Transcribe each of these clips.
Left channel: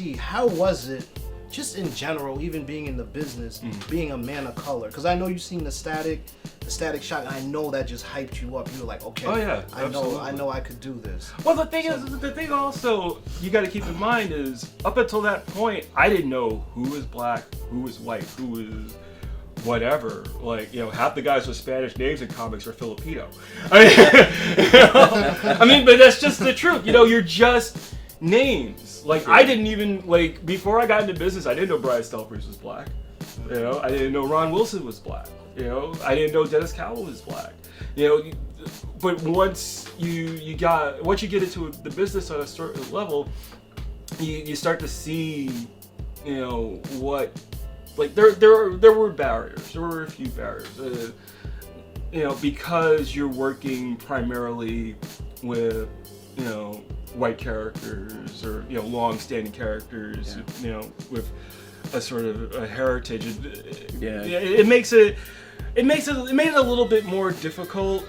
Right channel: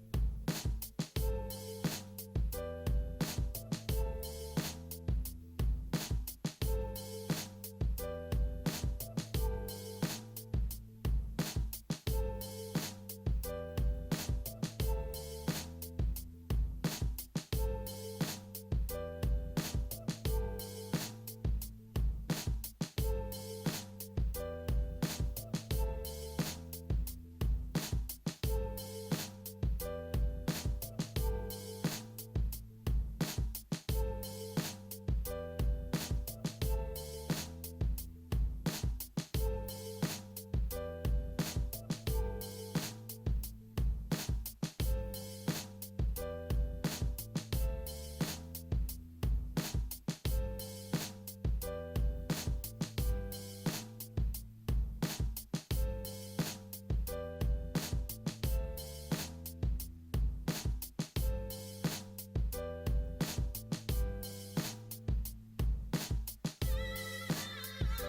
see, how was it, just in general, even being in the business, being a man of color? Because I know you've seen the static shot, and I know that just hyped you up. You were like, okay, I know I could do this. Well, the thing also you got to keep in mind is, up until that point, I didn't know who was black, who was white, who was whatever. Like, half the guys with Spanish names in comics are Filipino. I mean, but that's just the truth. You're just names. Like, I didn't even, before I got into business, I didn't know Brian Stelfreeze was black. I didn't know Ron Wilson was black. I didn't know Dennis Cowell was black. But once you get into the business on a certain level, you start to see, what, there were barriers. There were a few barriers. Because you're working primarily with, white characters or long-standing characters, with a sort of a heritage. It made it a little bit more difficult,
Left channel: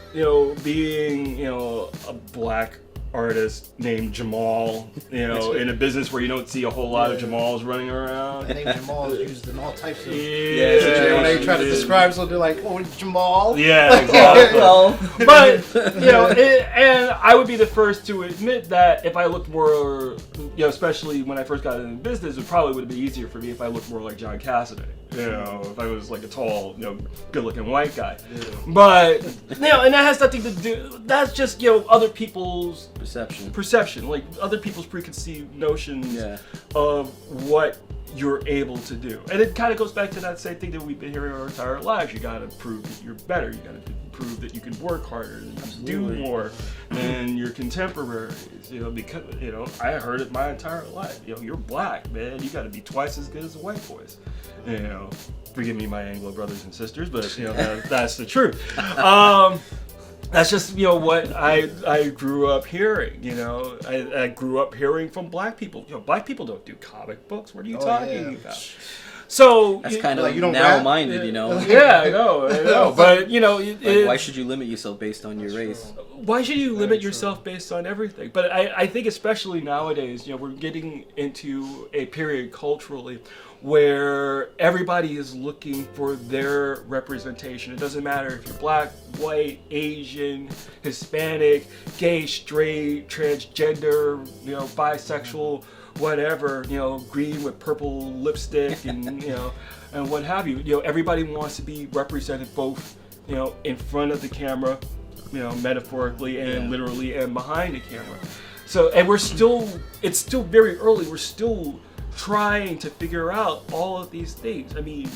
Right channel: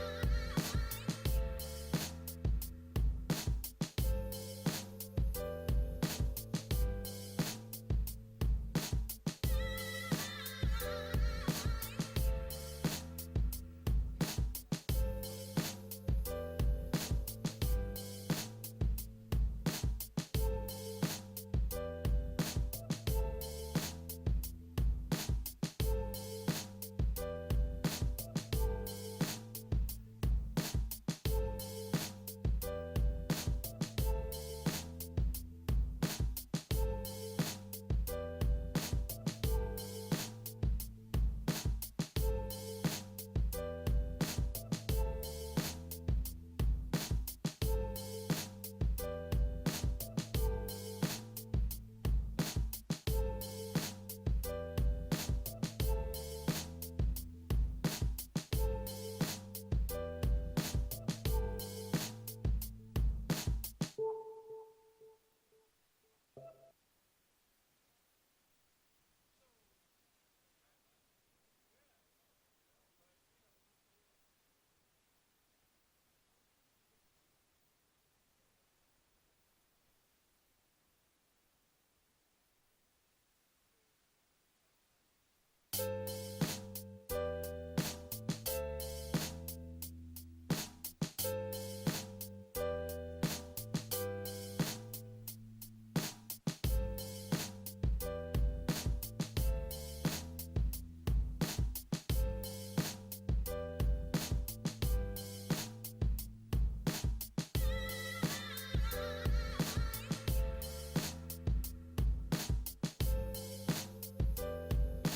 being a black artist named Jamal, in a business where you don't see a whole lot of Jamals running around. The name Jamal is used in all types of situations. When they try to describe something, they're like, "Oh, it's Jamal." Yeah, exactly. But and I would be the first to admit that if I looked more, especially when I first got into business, it probably would be easier for me if I looked more like John Cassaday. If I was like a tall, good-looking white guy. Yeah. But, and that has nothing to do, that's just, other people's perception, like other people's preconceived notions of what you're able to do. And it kind of goes back to that same thing that we've been hearing our entire lives. You gotta prove that you're better. You gotta prove that you can work harder, do more than your contemporaries. Because, I heard it my entire life. You're black, man. You gotta be twice as good as the white boys. Forgive me, my Anglo brothers and sisters, but that's the truth. That's just what I grew up hearing. I grew up hearing from black people. Black people don't do comic books. What are you talking about? So that's kind of narrow-minded, Yeah, I know. But why should you limit yourself based on your race? Why should you limit yourself based on everything? But I think especially nowadays, we're getting into a period culturally where everybody is looking for their representation. It doesn't matter if you're black, white, Asian, Hispanic, gay, straight, transgender, bisexual, whatever, green with purple lipstick and and what have you. Everybody wants to be represented both, in front of the camera, metaphorically and literally, and behind the camera. So, and it's still very early. We're still trying to figure out all of these things. I mean,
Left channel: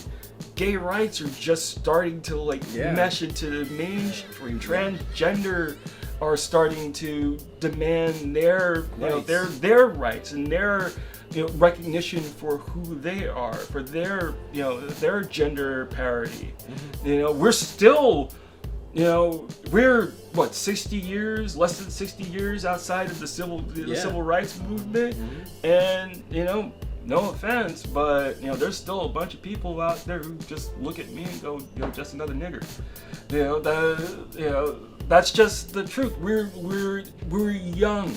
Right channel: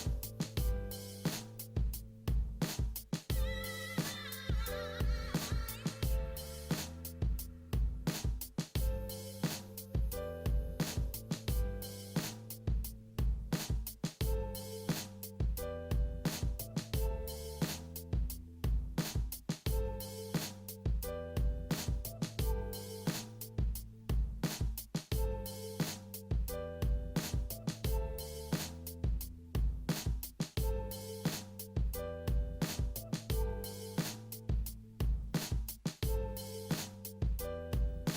gay rights are just starting to mesh into the mainstream. Transgender are starting to demand their their rights and their recognition for who they are, for their their gender parity. We're still we're what, 60 years, less than 60 years outside of the civil rights movement, and no offense, but there's still a bunch of people out there who just look at me and go, just another nigger. That's just the truth. We're young.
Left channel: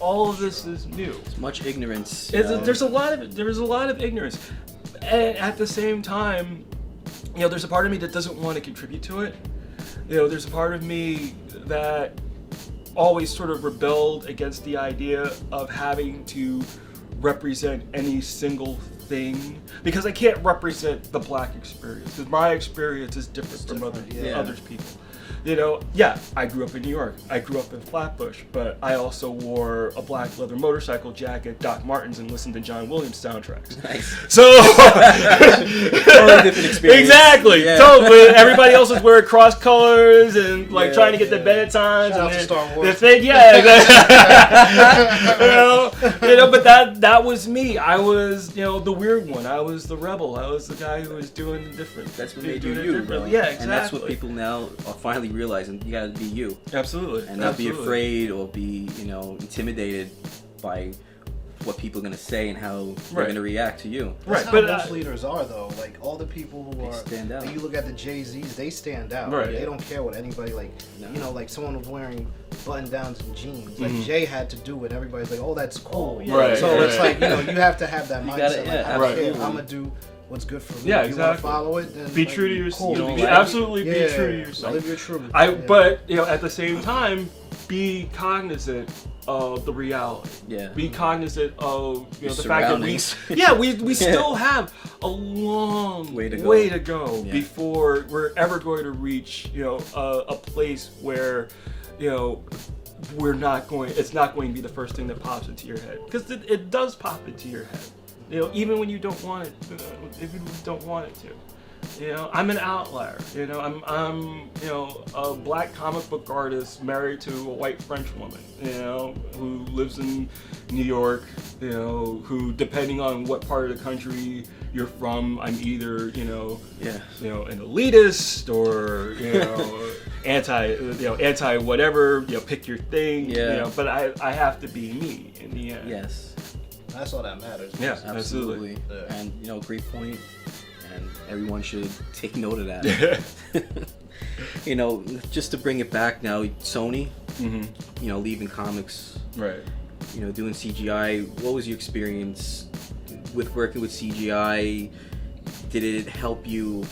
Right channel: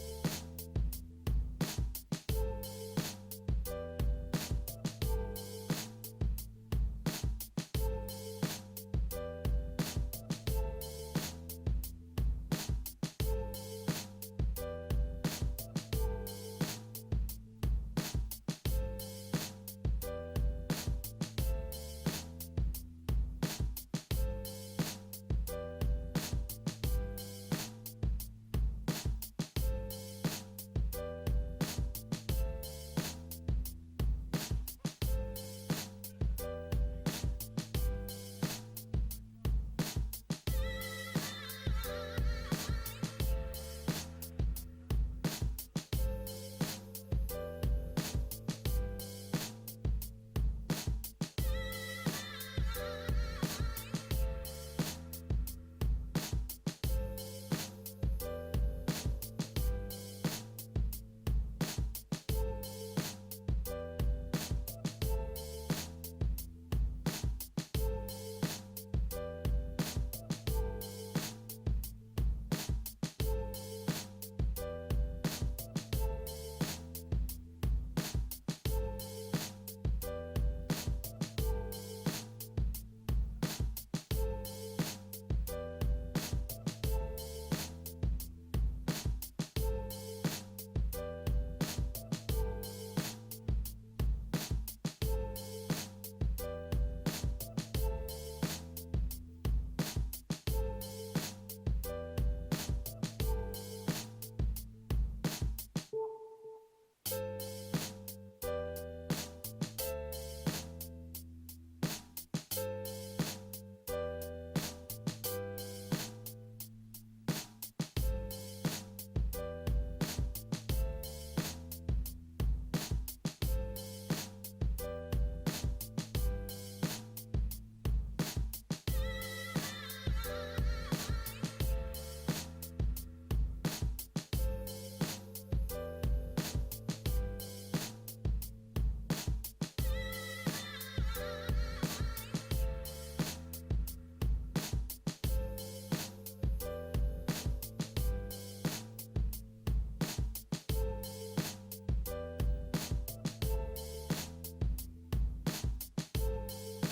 All of this is new. It's much ignorance. There's a lot of ignorance. And at the same time, there's a part of me that doesn't want to contribute to it. There's a part of me that always sort of rebelled against the idea of having to represent any single thing, because I can't represent the black experience, because my experience is different from other people. I grew up in New York. I grew up in Flatbush, but I also wore a black leather motorcycle jacket, Doc Martens, and listened to John Williams soundtracks. Nice. So totally different experience. Exactly. Yeah. Totally. Everybody else is wearing cross colors and trying to get the Benettons and the thing. Yeah. But that was me. I was the weird one. I was the rebel. I was the guy who was doing the different. That's what made you you. Yeah, exactly. And that's what people now are finally realizing. You gotta be you. Absolutely. And not be afraid or be, intimidated by what people are gonna say and how they're gonna react to you. That's how most leaders are, though. Like, all the people who stand out. When you look at the Jay-Z's, they stand out. Right. They don't care what anybody like someone was wearing button downs and jeans. Like Jay had to do it. Everybody's like, oh, that's cool. Right. So it's like, you know, you have to have that mindset. Gotta, like, I'm gonna do what's good for me. Yeah, if you want to follow it, then be like, true to yourself. cool. Absolutely be true to yourself. Live your truth. But you know, at the same time, be cognizant of the reality. Yeah. Be cognizant of the Your fact that we still have a long way to go before we're ever going to reach a place where it's not going to be the first thing that pops into your head, because it does pop into your head. Even when you don't want it, even when you don't want it to. I'm an outlier. I'm a black comic book artist married to a white French woman, who lives in New York, who, depending on what part of the country you're from, I'm either, an elitist or, anti whatever, pick your thing, but I have to be me in the end. Yes. That's all that matters. Yeah, absolutely. And, great point. Everyone should take note of that. Just to bring it back now, Sony, leaving comics, right? Doing CGI. What was your experience with working with CGI? Did it help you,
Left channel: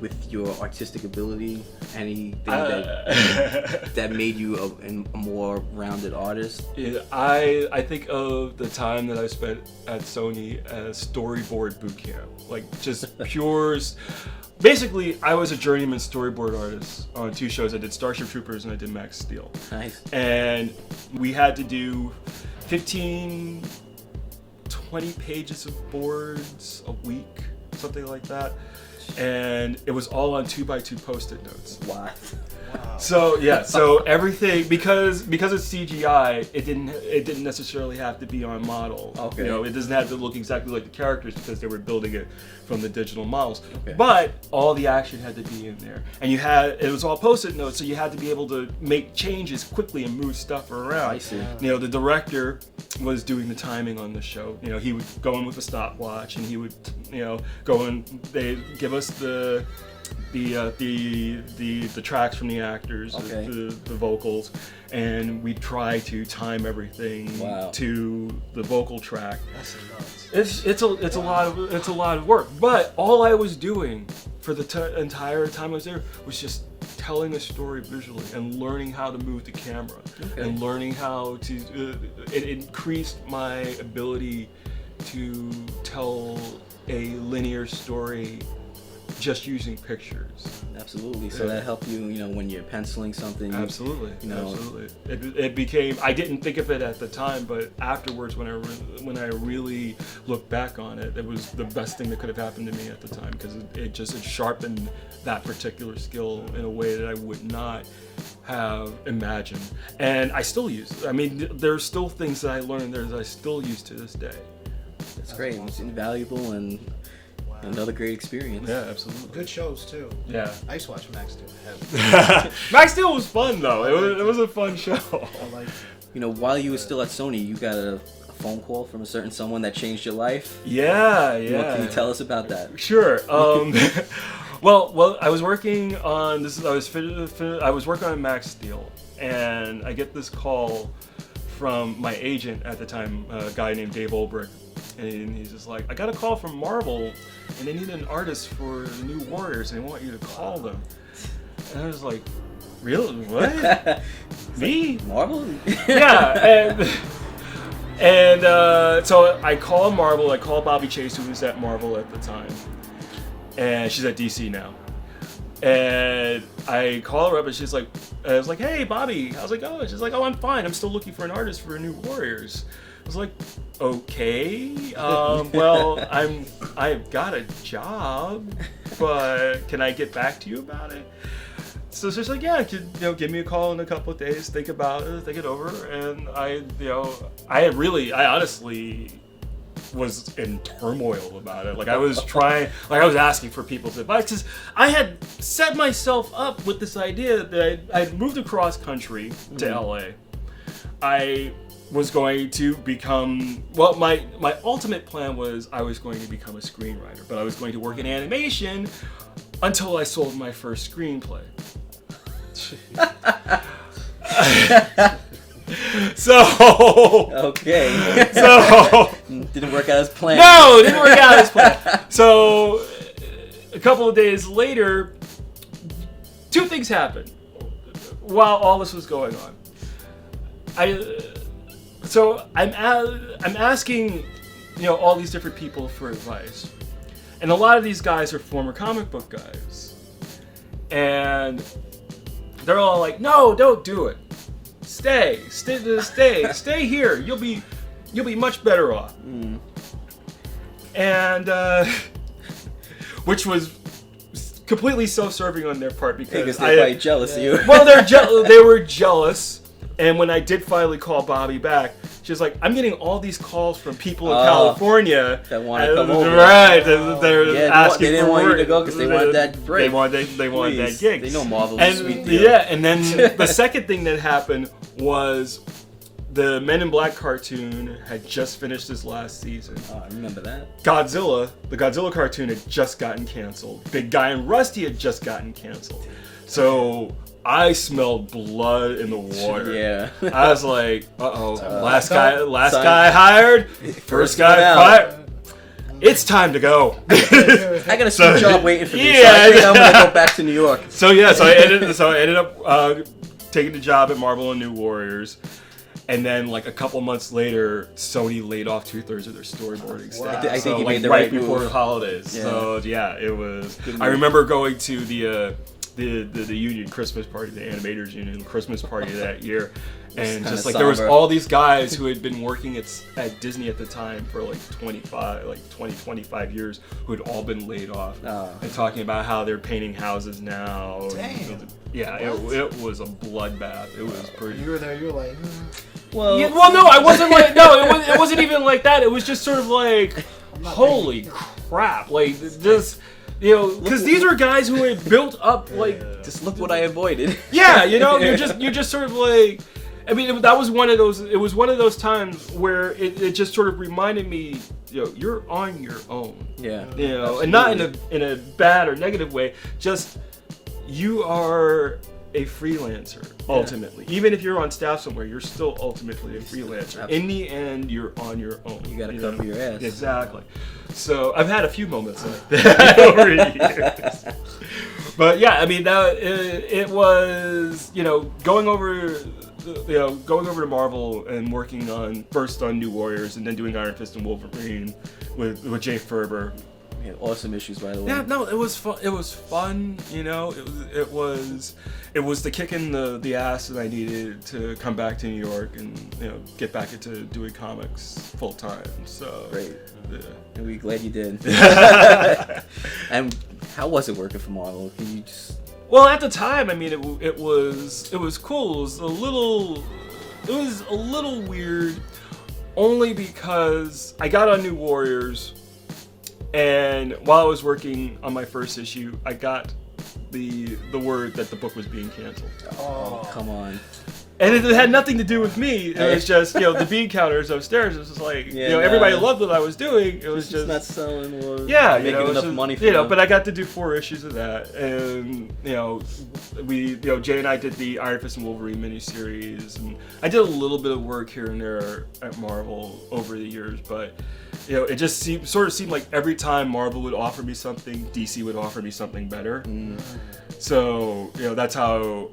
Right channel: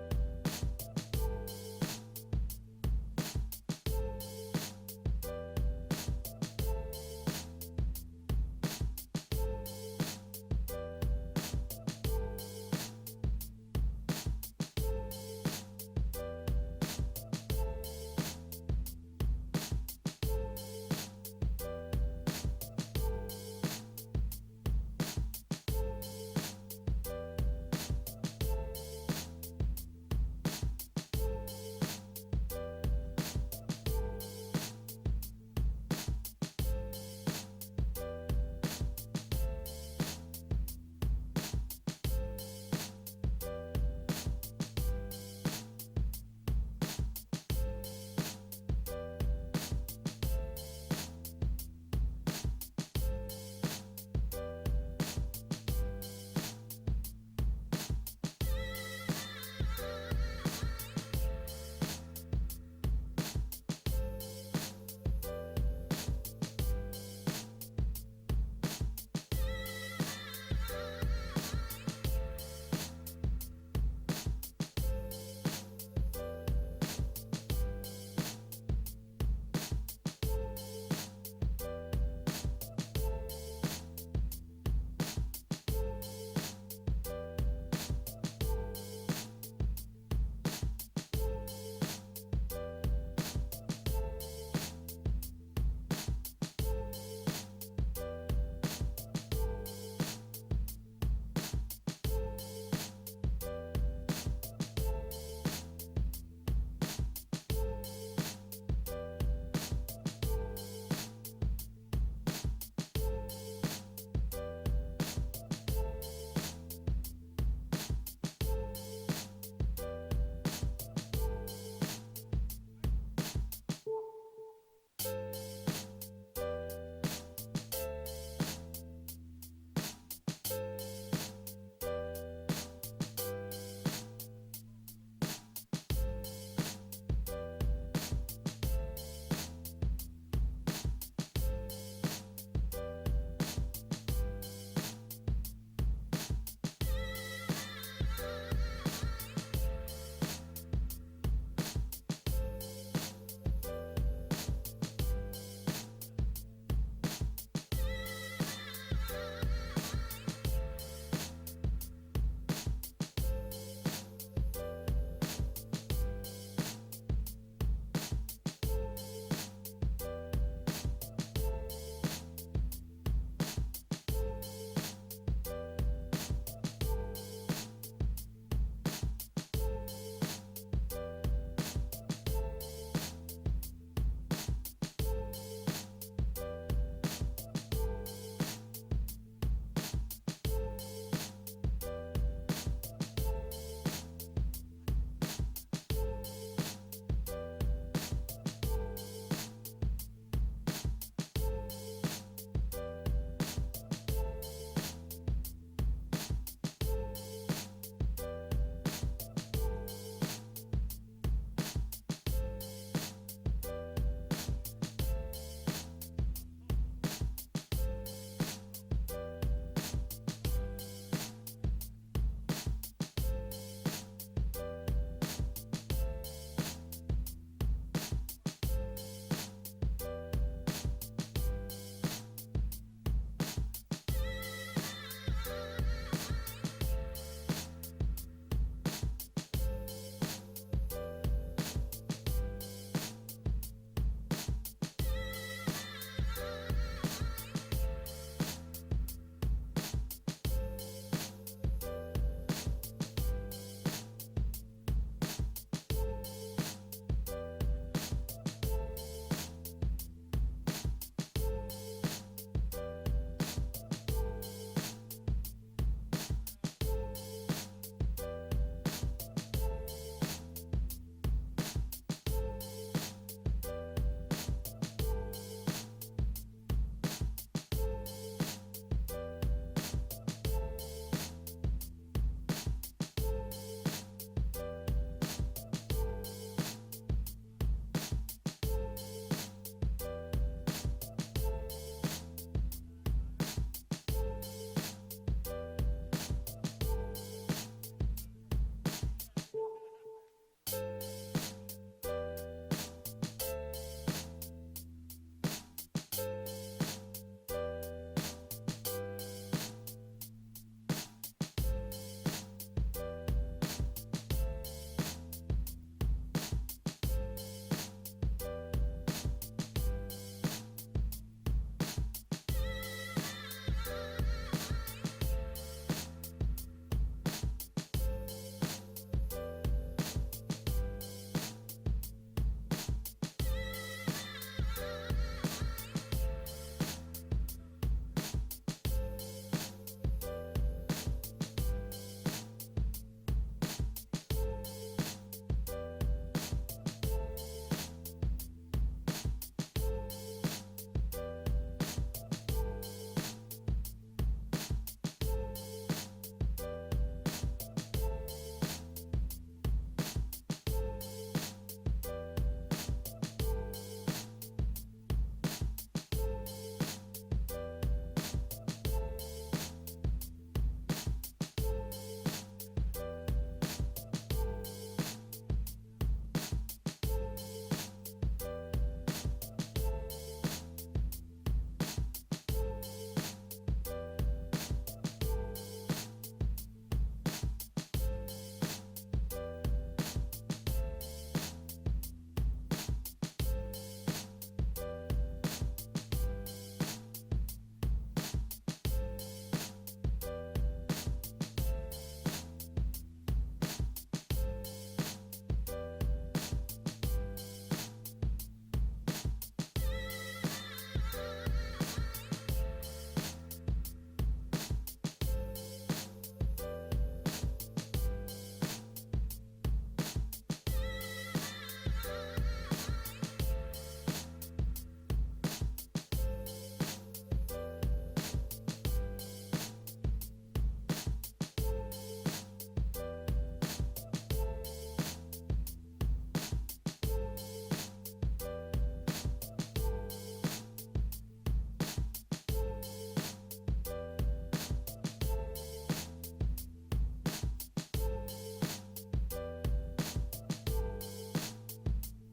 with your artistic ability? Anything that made you a more rounded artist? Yeah, I think of the time that I spent at Sony as storyboard boot camp, like just pure. Basically, I was a journeyman storyboard artist on 2 shows. I did Starship Troopers and I did Max Steel. Nice. And we had to do 15, 20 pages of boards a week, something like that. And it was all on 2x2 Post-it notes. Wow. So everything, because it's CGI, it didn't necessarily have to be on model. Okay. It doesn't have to look exactly like the characters because they were building it from the digital models. Okay. But all the action had to be in there, and it was all Post-it notes, so you had to be able to make changes quickly and move stuff around. I see. The director was doing the timing on the show. He would go in with a stopwatch, and he would go and they give us the tracks from the actors, okay. the vocals, and we try to time everything to the vocal track. It's a lot of work. But all I was doing for the entire time I was there was just telling a story visually and learning how to move the camera and learning how to. It increased my ability to tell a linear story just using pictures. Absolutely. So that helped you, when you're penciling something. Absolutely. Absolutely. It became. I didn't think of it at the time, but afterwards, when I really look back on it, it was the best thing that could have happened to me at the time, because it sharpened that particular skill in a way that I would not have imagined, and I still use it. I mean, there's still things that I learned there that I still use to this day. It's great. It's invaluable and. Another great experience. Yeah, absolutely. Good shows too. Yeah. I used to watch Max Steel. Max Steel was fun though. It was a fun show. While you were still at Sony, you got a phone call from a certain someone that changed your life. Yeah. What can you tell us about that? Sure. Well, I was working on this. I was working on Max Steel, and I get this call from my agent at the time, a guy named Dave Olbrich. And he's just like, I got a call from Marvel, and they need an artist for the new Warriors, and they want you to call them. And I was like, really? What? Me? Marvel? Yeah. And so I called Marvel. I called Bobby Chase, who was at Marvel at the time, and she's at DC now. And I call her up, and she's like, I was like, hey, Bobby, how's it going? She's like, oh, I'm fine. I'm still looking for an artist for a new Warriors. I was like, okay, well, I've got a job, but can I get back to you about it? So she's like, yeah, give me a call in a couple of days, think about it, think it over. And I honestly was in turmoil about it. Like I was asking for people's advice, because I had set myself up with this idea that I'd moved across country to LA. I was going to become, my ultimate plan was I was going to become a screenwriter, but I was going to work in animation until I sold my first screenplay. So. Okay. So. Didn't work out as planned. No, it didn't work out as planned. So, a couple of days later, two things happened while all this was going on. I'm asking, all these different people for advice, and a lot of these guys are former comic book guys, and they're all like, "No, don't do it. Stay here. You'll be much better off." And which was completely self-serving on their part because they're quite jealous of you. Well, they were jealous, and when I did finally call Bobby back, she was like, "I'm getting all these calls from people in California that want to come over. Right? They're asking they didn't for want work. You to go because they wanted that break. They wanted that gig. They know Marvel's and, a sweet deal. Yeah, and then the second thing that happened was the Men in Black cartoon had just finished its last season. Oh, I remember that. The Godzilla cartoon had just gotten canceled. Big Guy and Rusty had just gotten canceled. So I smelled blood in the water. Yeah. I was like, last guy hired, first guy fired. It's time to go. I got a sweet job waiting for me. So I think I'm gonna go back to New York. So I ended up taking the job at Marvel and New Warriors. And then, like a couple months later, Sony laid off 2/3 of their storyboarding staff. I think you made the right right before move. the holidays. Yeah. So it was. I remember going to the union Christmas party, the animators union Christmas party that year, and just like there was all these guys who had been working at Disney at the time for like 25 years, who had all been laid off, and talking about how they're painting houses now. Dang. Yeah, it was a bloodbath. It was pretty. You were there. You were like. Well, no, I wasn't like it wasn't even like that. It was just sort of like, holy crap, like this, because these are guys who had built up like. Just look what I avoided. Yeah, you're just sort of like, I mean, that was one of those. It was one of those times where it just sort of reminded me, you're on your own. Yeah. And not in a bad or negative way. Just you are a freelancer ultimately. Even if you're on staff somewhere, you're still ultimately a freelancer. Absolutely. In the end, you're on your own. You gotta cover your ass. Exactly. So I've had a few moments like that over the years. But yeah, I mean, it was going over to Marvel and working first on New Warriors and then doing Iron Fist and Wolverine with Jay Ferber. Yeah, awesome issues, by the way. Yeah, no, it was fun. It was fun. It was the kick in the ass that I needed to come back to New York and get back into doing comics full time. So great. Yeah. And we're glad you did. And how was it working for Marvel? Can you just... Well, at the time, I mean, it was cool. It was a little weird, only because I got on New Warriors, and while I was working on my first issue, I got the word that the book was being canceled. Oh, come on. And it had nothing to do with me. It was just, the bean counters upstairs. It was just like, everybody loved what I was doing. It was just not selling or making enough money for them. But I got to do 4 issues of that, and Jay and I did the Iron Fist and Wolverine miniseries, and I did a little bit of work here and there at Marvel over the years, but it just seemed like every time Marvel would offer me something, DC would offer me something better. So that's how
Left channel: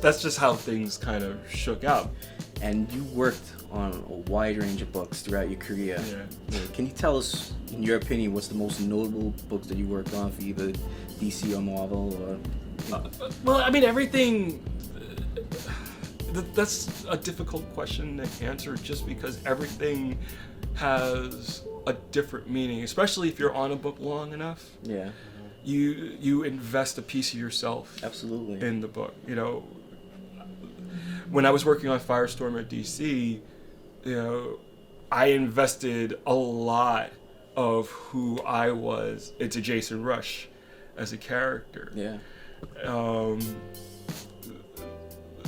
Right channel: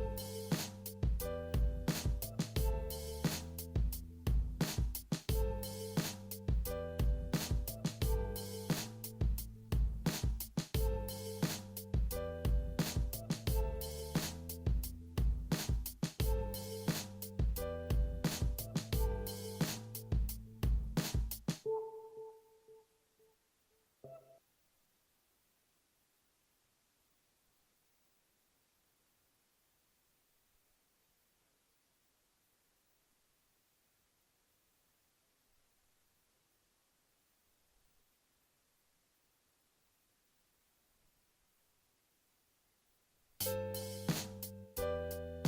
that's just how things kind of shook out. And you worked on a wide range of books throughout your career. Yeah. Can you tell us, in your opinion, what's the most notable books that you worked on for either DC or Marvel? Or... Well, I mean, everything. That's a difficult question to answer, just because everything has a different meaning, especially if you're on a book long enough. Yeah. You invest a piece of yourself absolutely in the book. When I was working on Firestorm at DC, I invested a lot of who I was into Jason Rush as a character. Yeah.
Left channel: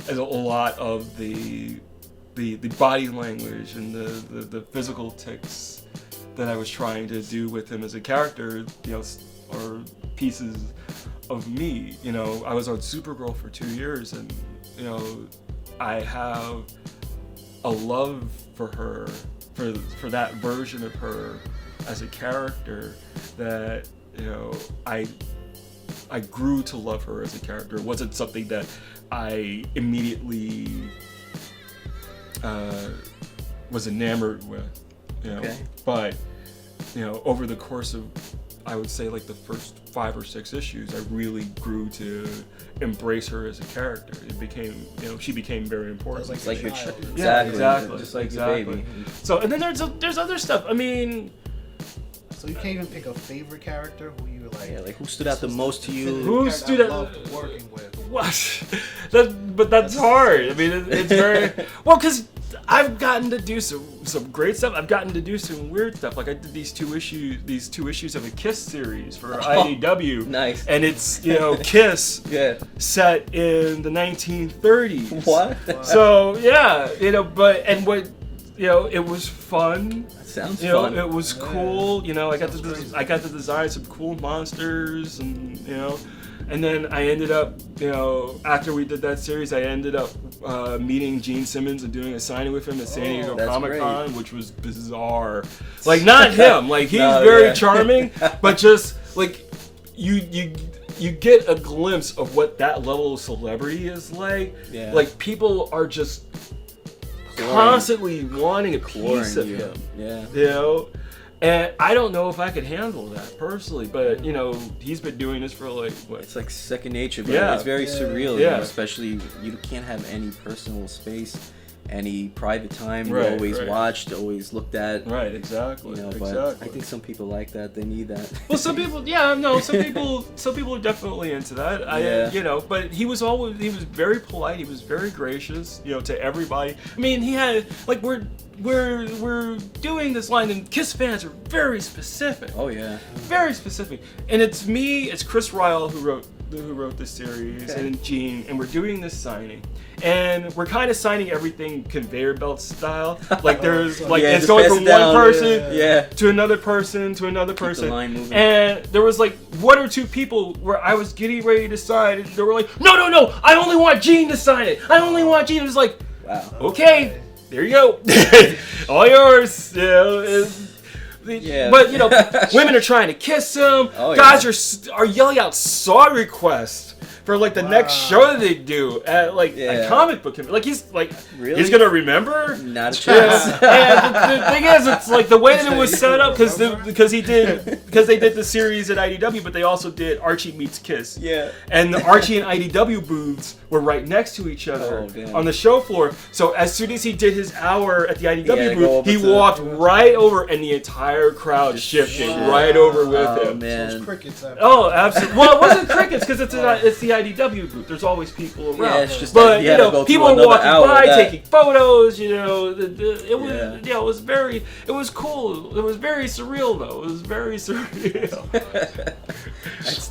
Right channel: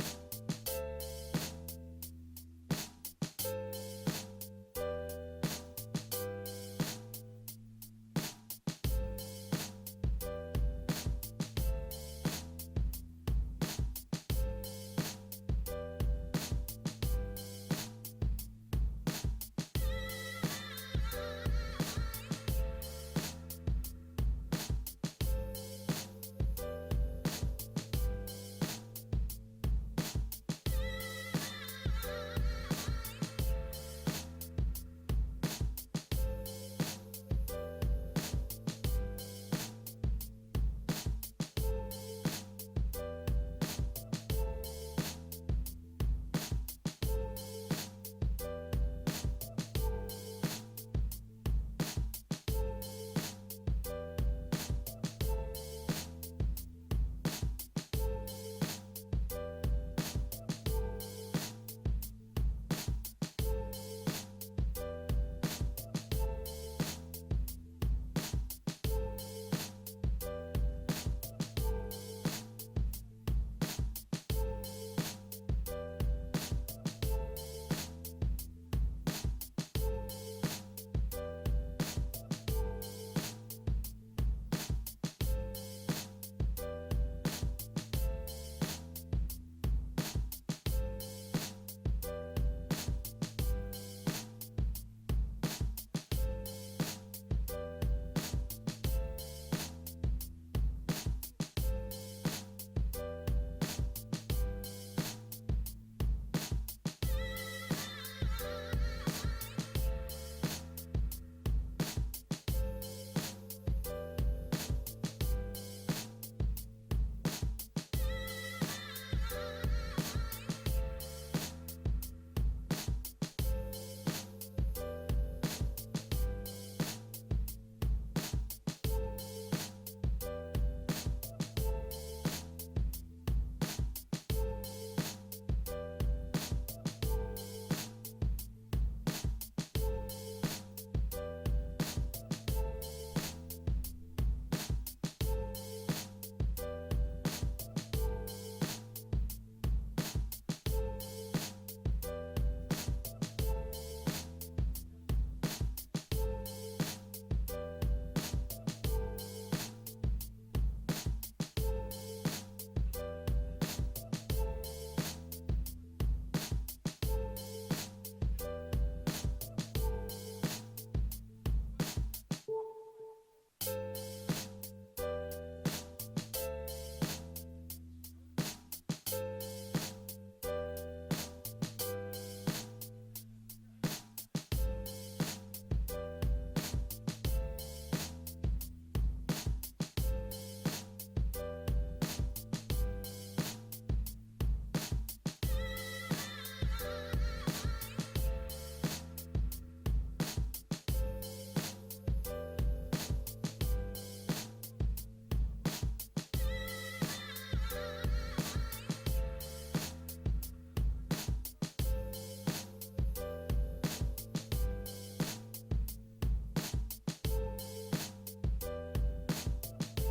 As a lot of the body language and the physical tics that I was trying to do with him as a character, are pieces of me. I was on Supergirl for 2 years, and I have a love for her, for that version of her as a character that, I grew to love her as a character. It wasn't something that I immediately was enamored with, Okay. But, over the course of, I would say, like the first 5 or 6 issues, I really grew to embrace her as a character. It became, she became very important. It's like your child. Yeah, exactly. Just like exactly. your baby. So, and then there's other stuff. I mean, so you can't even pick a favorite character who you like. Yeah, like who stood out the most to you? Who stood out? Loved working with. What? But that's hard. I mean, it's very well, because I've gotten to do some great stuff. I've gotten to do some weird stuff. Like I did these two issues of a Kiss series for IDW. Nice. And it's Kiss set in the 1930s. What? So yeah, it was fun. Sounds fun. It was cool. I got to design some cool monsters, and then I ended up, after we did that series, I ended up meeting Gene Simmons and doing a signing with him at San Diego Comic-Con, which was bizarre. Like, not him. Like, he's very charming, but just like you get a glimpse of what that level of celebrity is like. Yeah. Like, people are just constantly wanting a piece of him. Yeah. And I don't know if I could handle that personally, but he's been doing this for like what? It's like second nature, but yeah. It's very surreal. Yeah. Especially you can't have any personal space, any private time. Right, You're always watched, always looked at. Right, exactly. But I think some people like that. They need that. Well, some people, some people are definitely into that. But he was very polite. He was very gracious, to everybody. I mean, he had like we're doing this line, and Kiss fans are very specific. Oh yeah. Very specific. And it's Chris Ryle who wrote this series, and Gene, and we're doing this signing. And we're kind of signing everything conveyor belt style. Like there's it's going from one person to another person to another person. The line moving. And there was like 1 or 2 people where I was getting ready to sign, and they were like, no, I only want Gene to sign it. I only want Gene. It was like, wow. Okay, there you go. All yours. But women are trying to kiss him. Guys are yelling out song requests for like the next show that they do at a comic book. Like he's he's gonna remember. Not a chance. And the thing is, it's like the way that it was set up because they did the series at IDW, but they also did Archie Meets Kiss. Yeah. And the Archie and IDW booths were right next to each other on the show floor. So as soon as he did his hour at the IDW booth, he walked right over, and the entire crowd shifted right over with him. Man. So it's crickets. Oh, absolutely. Well, it wasn't crickets because it's the IDW booth. There's always people around. Yeah, it's just but people were walking by, taking photos. It was cool. It was very surreal though. It was very surreal.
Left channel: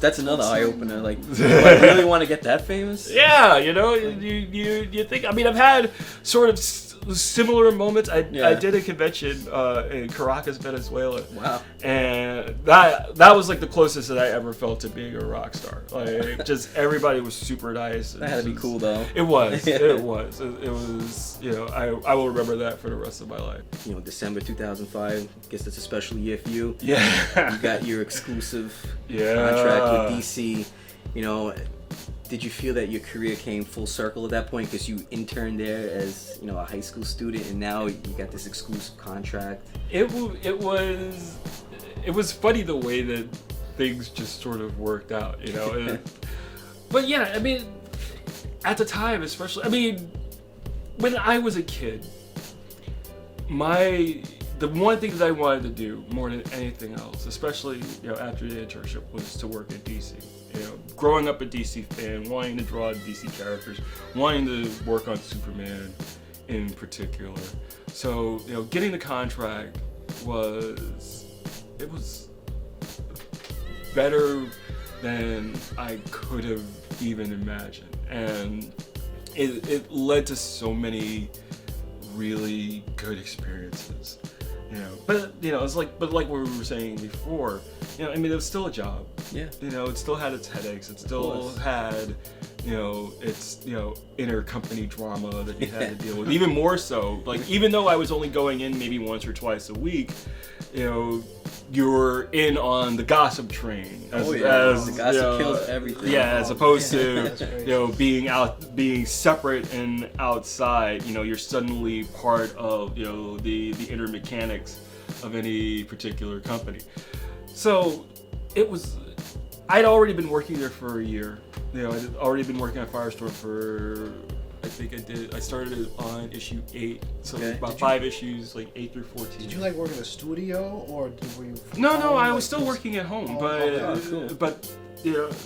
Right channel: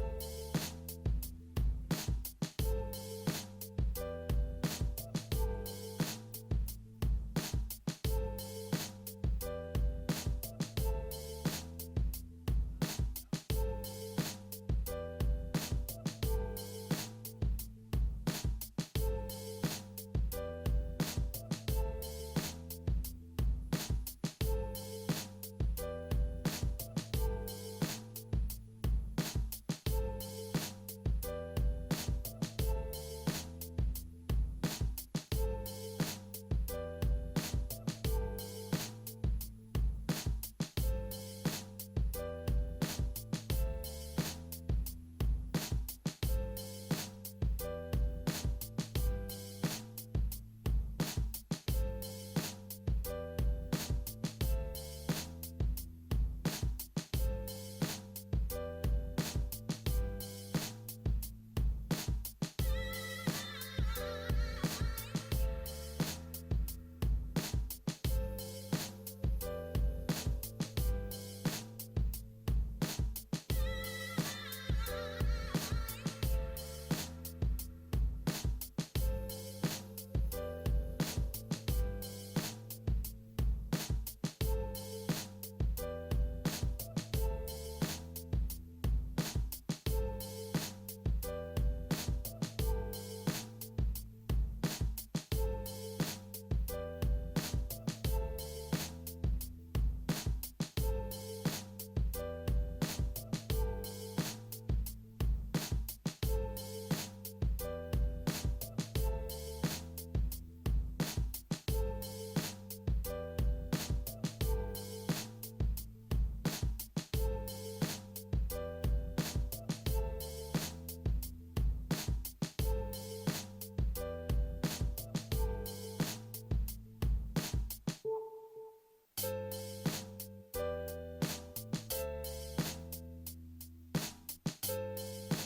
That's another eye opener. Like, do I really want to get that famous? Yeah, you think. I mean, I've had sort of similar moments. I did a convention in Caracas, Venezuela. Wow. And that was like the closest that I ever felt to being a rock star. Like, just everybody was super nice. That had to be cool though. It was. It was. I will remember that for the rest of my life. December 2005. I guess that's a special year for you. Yeah. You got your exclusive contract with DC. Did you feel that your career came full circle at that point because you interned there as a high school student, and now you got this exclusive contract? It was funny the way that things just sort of worked out, But yeah, I mean, at the time, especially, I mean, when I was a kid, the one thing that I wanted to do more than anything else, especially after the internship, was to work in DC. Growing up a DC fan, wanting to draw DC characters, wanting to work on Superman in particular. So, getting the contract was better than I could have even imagined. And it led to so many really good experiences. But it's like what we were saying before, I mean, it was still a job. Yeah. It still had its headaches. It still had, it's intercompany drama that you had to deal with. Even more so, like even though I was only going in maybe once or twice a week, you're in on the gossip train. The gossip kills everything. Yeah, as opposed to being separate and outside. You're suddenly part of the inner mechanics of any particular company. So I'd already been working there for a year. I'd already been working on Firestorm for, I started on issue 8, so about 5 issues, like 8 through 14. Did you work in a studio, or were you? No, I was still working at home, but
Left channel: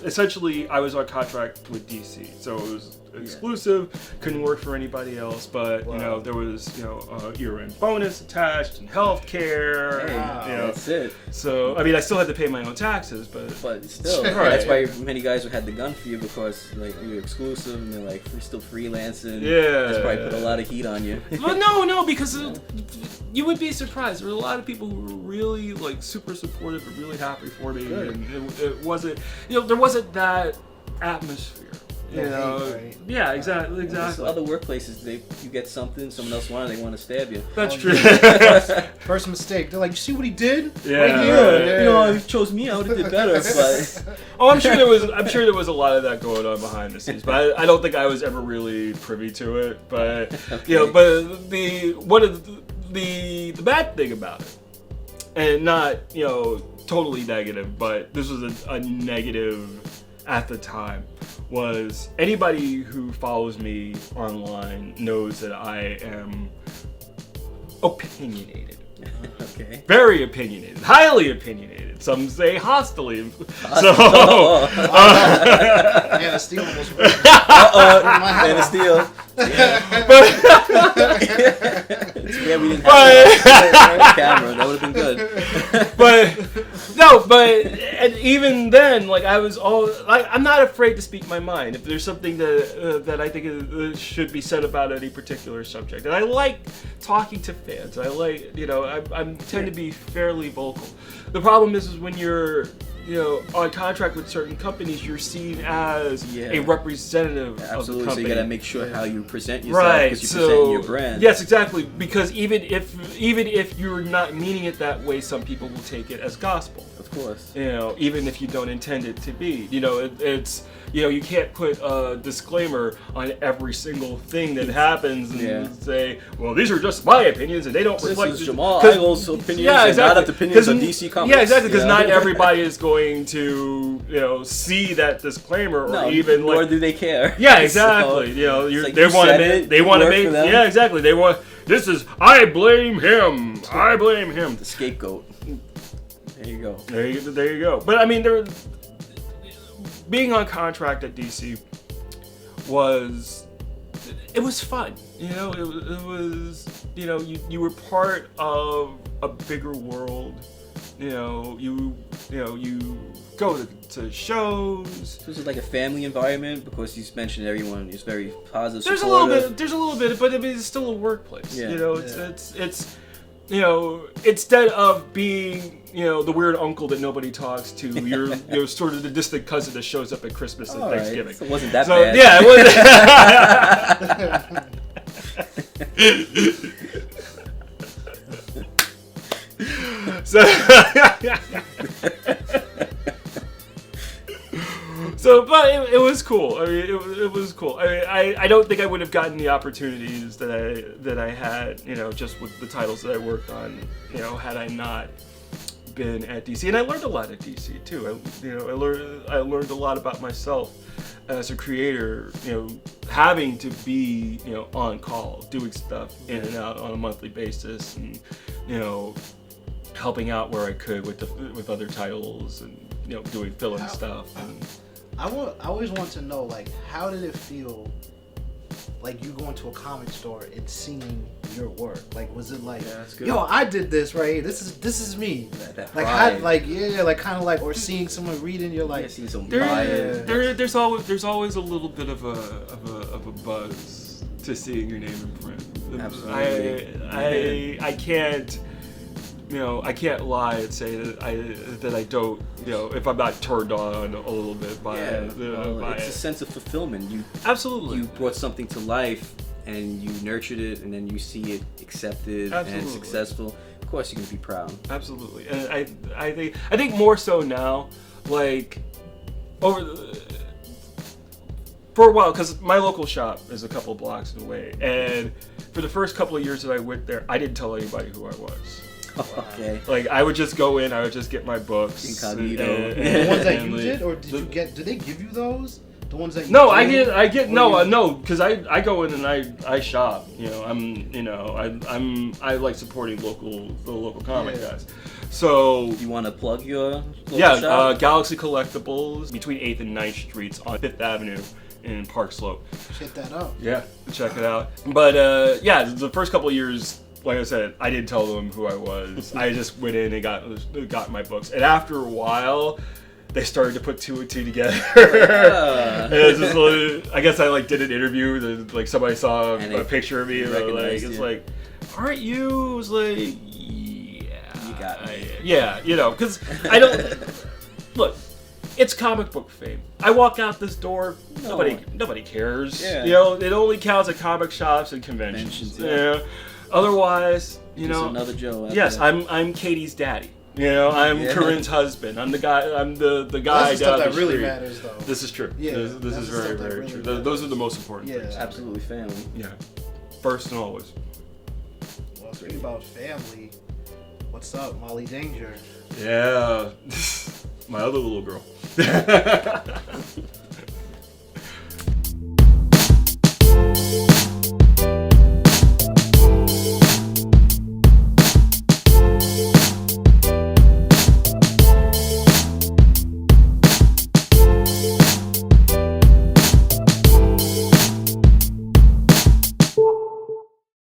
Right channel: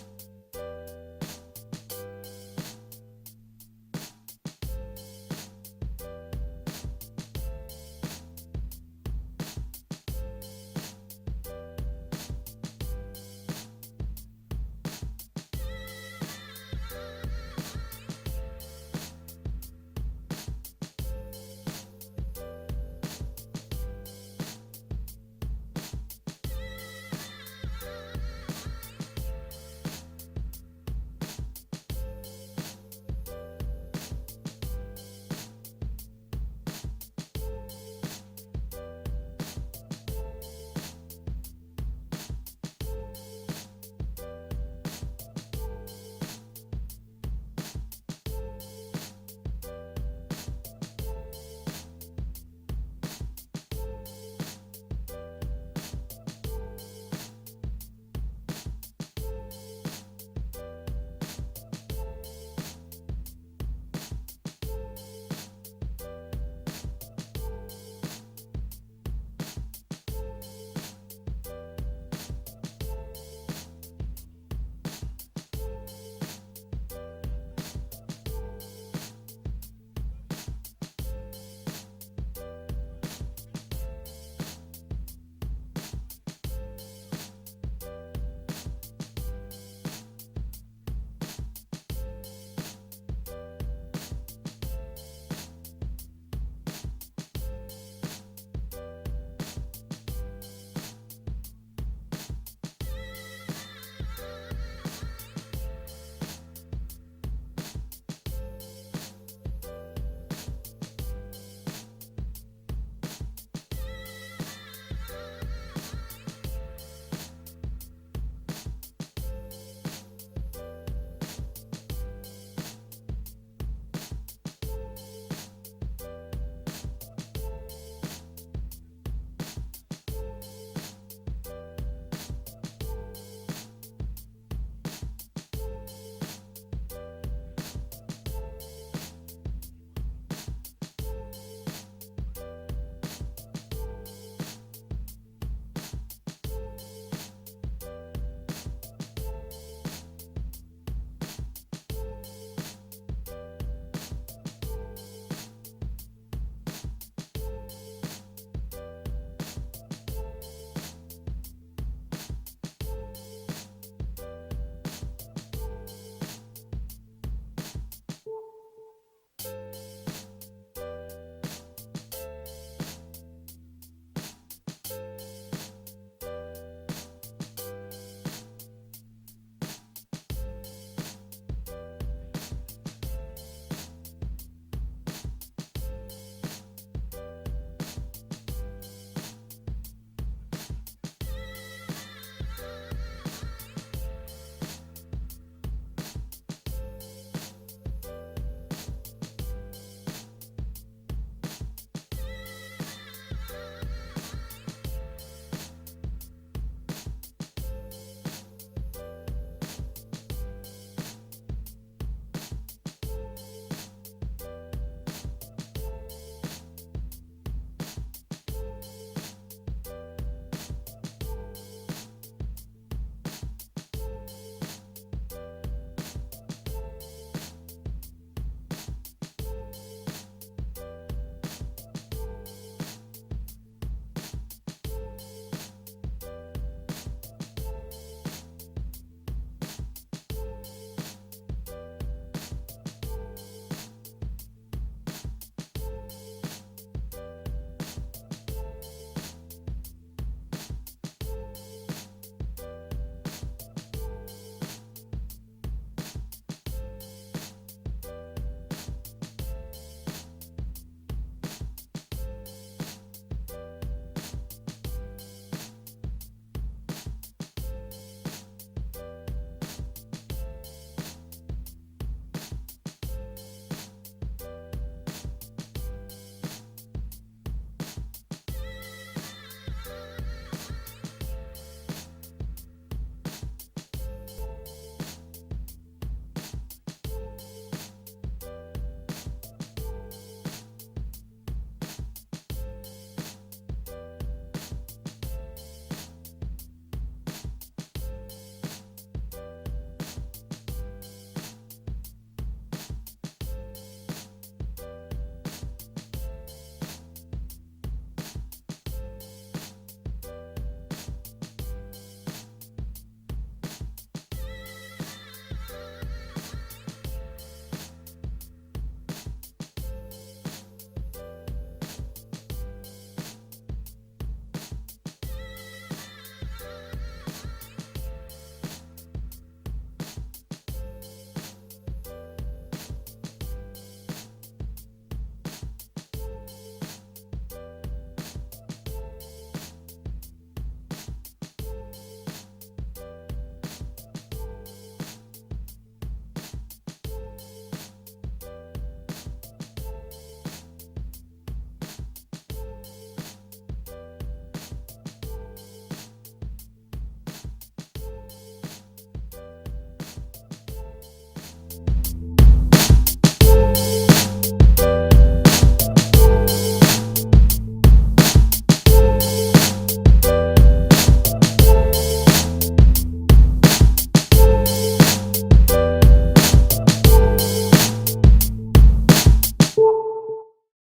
essentially I was on contract with DC, so it was exclusive, couldn't work for anybody else, but there was year-end bonus attached and healthcare. That's it. So I still had to pay my own taxes, but still, that's why many guys had the gun for you, because you're exclusive and they're we're still freelancing. That's probably put a lot of heat on you. Well, no, because you would be surprised. There were a lot of people who were really super supportive and really happy for me, and it wasn't there wasn't that atmosphere. Yeah, exactly. So other workplaces, you get something, someone else wanted, they want to stab you. That's true. First mistake. They're like, you see what he did? Yeah. Right here. You chose me, I would have did better. But I'm sure there was a lot of that going on behind the scenes, but I don't think I was ever really privy to it. But but the bad thing about it, and not totally negative, but this was a negative at the time, was anybody who follows me online knows that I am opinionated. Okay. Very opinionated. Highly opinionated. Some say hostily. So, Man of Steel almost. Man of Steel. Yeah, we didn't have camera. That would have been good. And even then, I was I'm not afraid to speak my mind if there's something that I think should be said about any particular subject. And I like talking to fans. I I tend to be fairly vocal. The problem is when you're on contract with certain companies, you're seen as a representative of the company. So you gotta make sure how you present yourself, because you're presenting your brand. Yes, exactly. Because even if you're not meaning it that way, some people will take it as gospel. Of course. Even if you don't intend it to be. It's you can't put a disclaimer on every single thing that happens and say, well, these are just my opinions and they don't reflect. This is Jamal Igle's opinions, and not the opinions of DC Comics. Yeah, exactly. Because not everybody is going to see that disclaimer, or even nor do they care. Yeah, exactly. So, they want to make. Yeah, exactly. They want. This is. I blame him. I blame him. The scapegoat. There you go. There you go. But being on contract at DC was fun. It was you were part of a bigger world. You go to shows. So is it like a family environment, because you mentioned everyone is very positive? There's a little bit, but it's still a workplace. It's instead of being the weird uncle that nobody talks to, you're sort of the distant cousin that shows up at Christmas and Thanksgiving. Right. So it wasn't that bad. Yeah, it wasn't. But it was cool. It was cool. I don't think I would have gotten the opportunities that I had, just with the titles that I worked on, had I not been at DC. And I learned a lot at DC too. I learned a lot about myself as a creator. Having to be on call, doing stuff in and out on a monthly basis, and helping out where I could with other titles, and doing fill-in stuff. I always want to know, how did it feel, you going to a comic store and seeing your work? Was it yo, I did this right here. This is me. Or seeing someone reading, you're seeing some there's always a little bit of a buzz to seeing your name in print. Absolutely. I can't I can't lie and say that I don't, if I'm not turned on a little bit by it. It's a sense of fulfillment. Absolutely. You brought something to life and you nurtured it, and then you see it accepted and successful. Of course, you can be proud. Absolutely, and I think more so now, like for a while, because my local shop is a couple blocks away, and for the first couple of years that I went there, I didn't tell anybody who I was. Okay. Like, I would just go in, I would just get my books. Incognito. The ones that you did, or did they give you those? The ones that you No, no, because I go in and I shop. I like supporting the local comic guys. So you want to plug your shop? Galaxy Collectibles between 8th and 9th Streets on 5th Avenue in Park Slope. Check that out. Yeah, check it out. But the first couple of years, like I said, I didn't tell them who I was. I just went in and got my books. And after a while, they started to put two and two together. And it was just, I guess I did an interview. Like somebody saw a picture of me. And it's like, aren't you? It was like, you got me. Yeah, because I don't look. It's comic book fame. I walk out this door, nobody cares. Yeah. It only counts at comic shops and conventions. Yeah. Otherwise, Just another Joe. Yes, I'm Katie's daddy. I'm Corinne's husband. I'm the guy. I'm the guy That's the down stuff that the really street. matters, though. This is true. Yeah, this is very, very really true. matters. Those are the most important things. Absolutely family. Yeah, first and always. Well, speaking about family, what's up, Molly Danger? Yeah, my other little girl.